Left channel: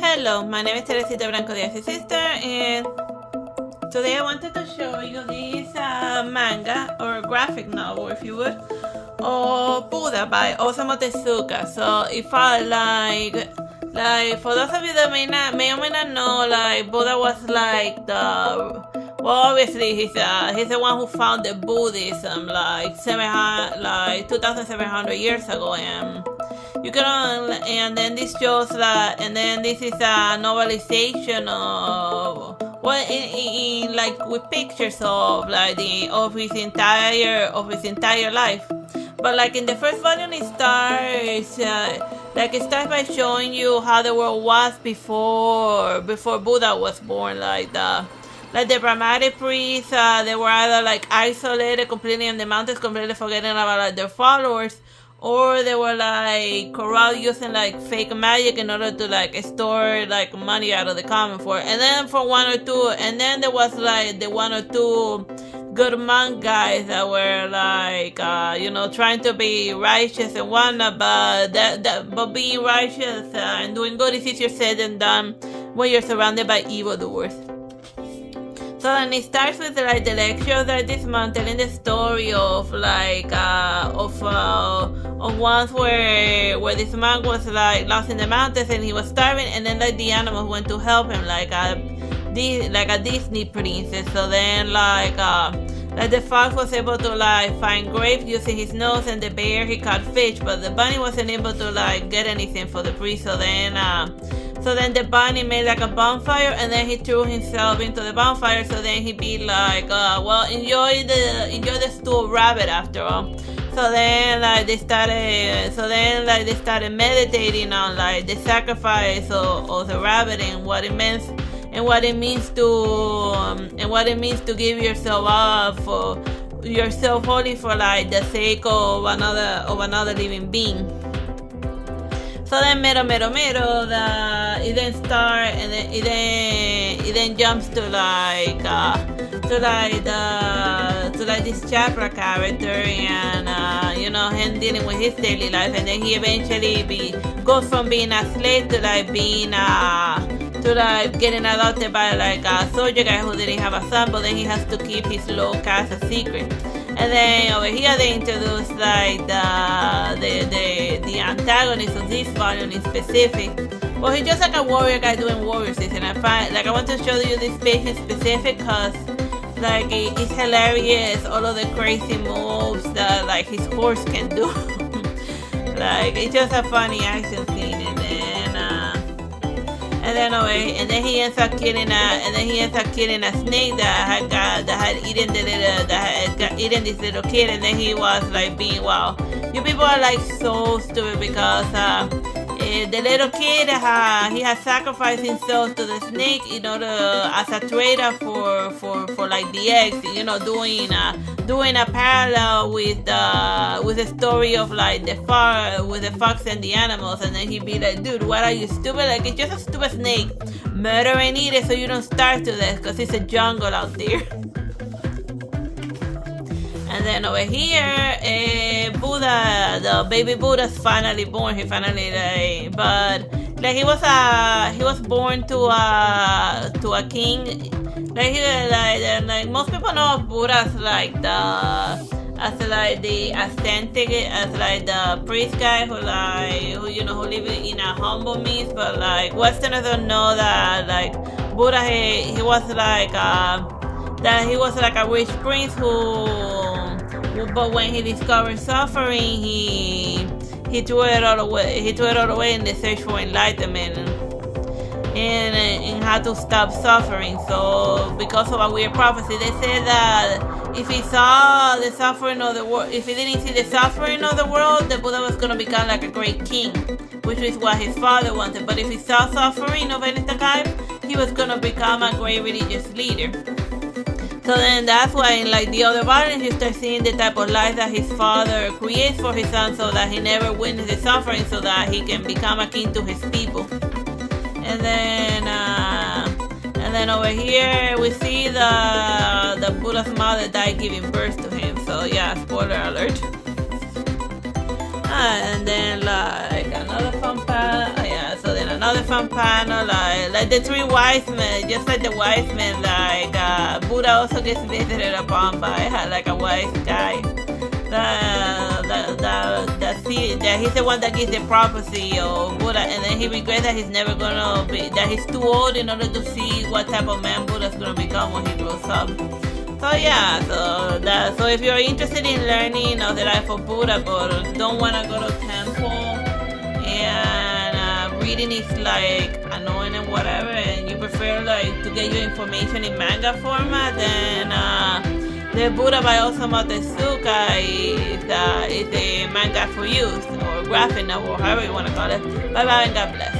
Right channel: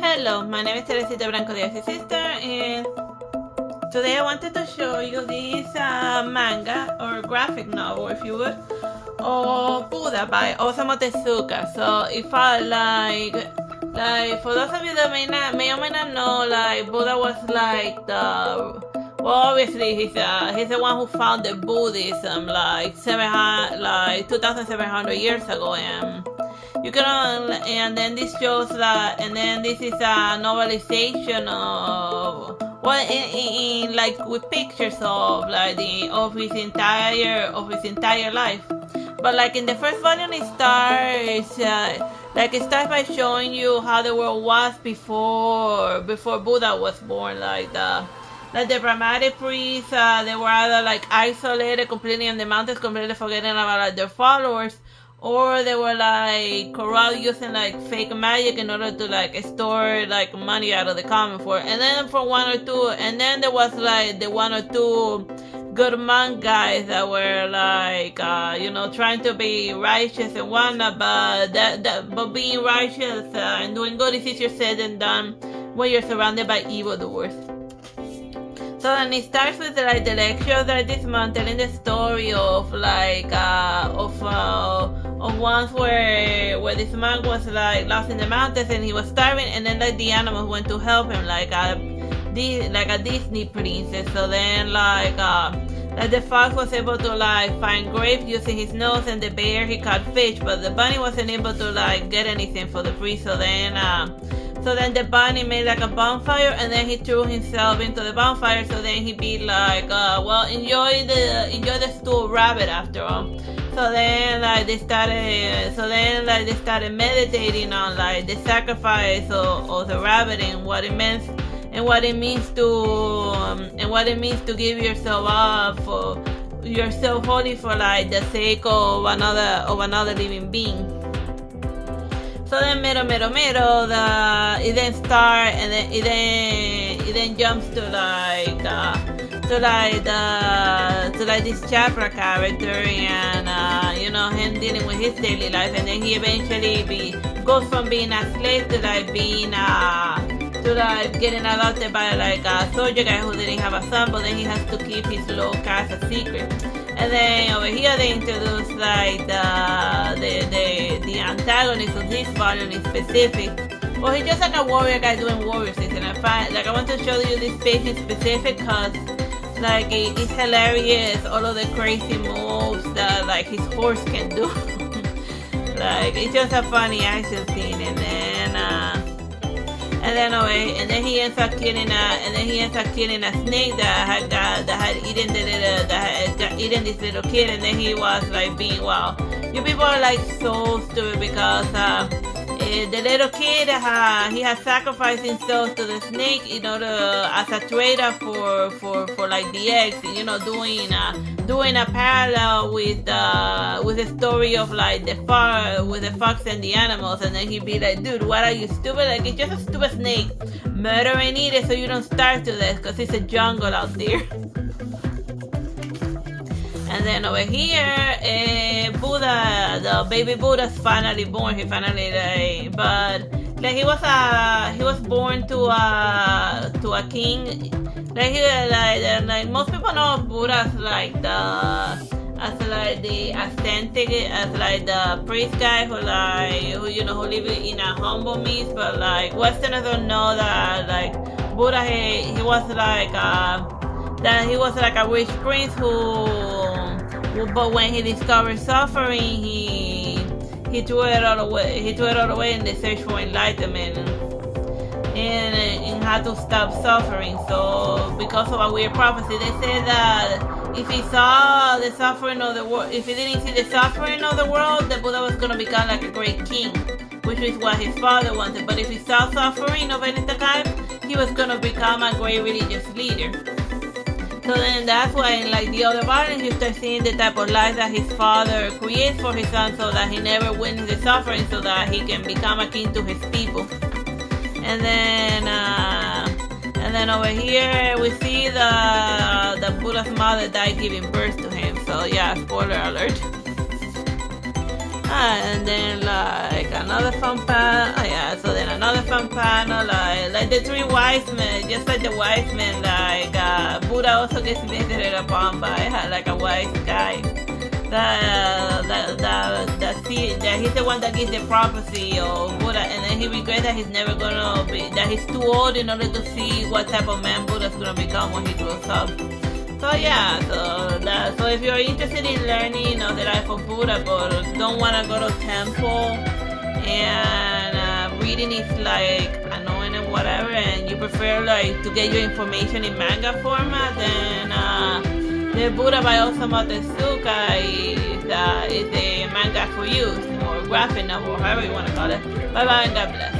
Hello, my name is Teresita Branco de Artsy Sister, and today I wanted to show you this manga, or graphic novel if you would, of Buddha by Osamu Tezuka. So if I like for those of you that may or may not know, like Buddha was like obviously he's the one who founded Buddhism like 2,700 years ago, and you can and then this shows that, and then this is a novelization of in like with pictures of like of his entire life. But like in the first volume, it starts by showing you how the world was before Buddha was born. Like the Brahmanic priests, they were either like isolated completely in the mountains, completely forgetting about like their followers, or they were like corrupt, using like fake magic in order to like store like money out of the common for. And then for one or two, and then there was like the one or two good monk guys that were like trying to be righteous and whatnot, but being righteous and doing good is easier said than done when you're surrounded by evildoers. So then it starts with like the lecture that this month, telling the story of once where this monk was like lost in the mountains and he was starving, and then like the animals went to help him like a Disney princess. So then like the fox was able to like find grapes using his nose, and the bear he caught fish, but the bunny wasn't able to like get anything for the priest. So then the bunny made like a bonfire, and then he threw himself into the bonfire. So then he'd be like, enjoy the stewed rabbit after all. So then they started meditating on like the sacrifice of the rabbit and what it means to give yourself up for yourself wholly for like the sake of another living being. So then it then starts, and then it then jumps to this Chapra character, and him dealing with his daily life, and then he eventually goes from being a slave to like being getting adopted by like a soldier guy who didn't have a son, but then he has to keep his low caste a secret. And then over here they introduce like the antagonist of this volume in specific. Well, he's just like a warrior guy doing warrior things, and I want to show you this page in specific because like it's hilarious, all of the crazy moves that like his horse can do. Like it's just a funny action scene, and then he ends up killing a snake that had eaten this little kid, and then he was like being wow. You people are like so stupid because the little kid he has sacrificed himself to the snake in order as a traitor for like the eggs, doing a parallel with the story of like the fox and the animals. And then he'd be like, dude, what are you, stupid? Like, it's just a stupid snake. Murder and eat it so you don't starve to death, because it's a jungle out there. And then over here, Buddha, the baby Buddha's finally born. He finally but like he was born to a king. Like most people know Buddha as like the priest guy who live in a humble means, but like Westerners don't know that like Buddha he was like a rich prince but when he discovered suffering, he threw it all away. He threw it all away in the search for enlightenment and how to stop suffering. So because of a weird prophecy, they say that if he saw the suffering of the world, if he didn't see the suffering of the world, the Buddha was going to become like a great king, which is what his father wanted. But if he saw suffering of any kind, he was going to become a great religious leader. So then that's why in like the other volume he starts seeing the type of life that his father creates for his son, so that he never witnesses suffering, so that he can become a king to his people. And then over here we see the Buddha's mother died giving birth to him. So yeah, spoiler alert. And then like another fun part. other fun panel, like the three wise men, just like the wise men, like Buddha also gets visited upon by like a wise guy. That he's the one that gives the prophecy of Buddha, and then he regrets that he's never gonna be, that he's too old in order to see what type of man Buddha's gonna become when he grows up. So yeah, so if you're interested in learning the life of Buddha, but don't wanna go to temple, and reading is like annoying and whatever, and you prefer like to get your information in manga format, then the Buddha by Osamu Tezuka is the manga for you, or graphic novel, however you want to call it. Bye bye and God bless.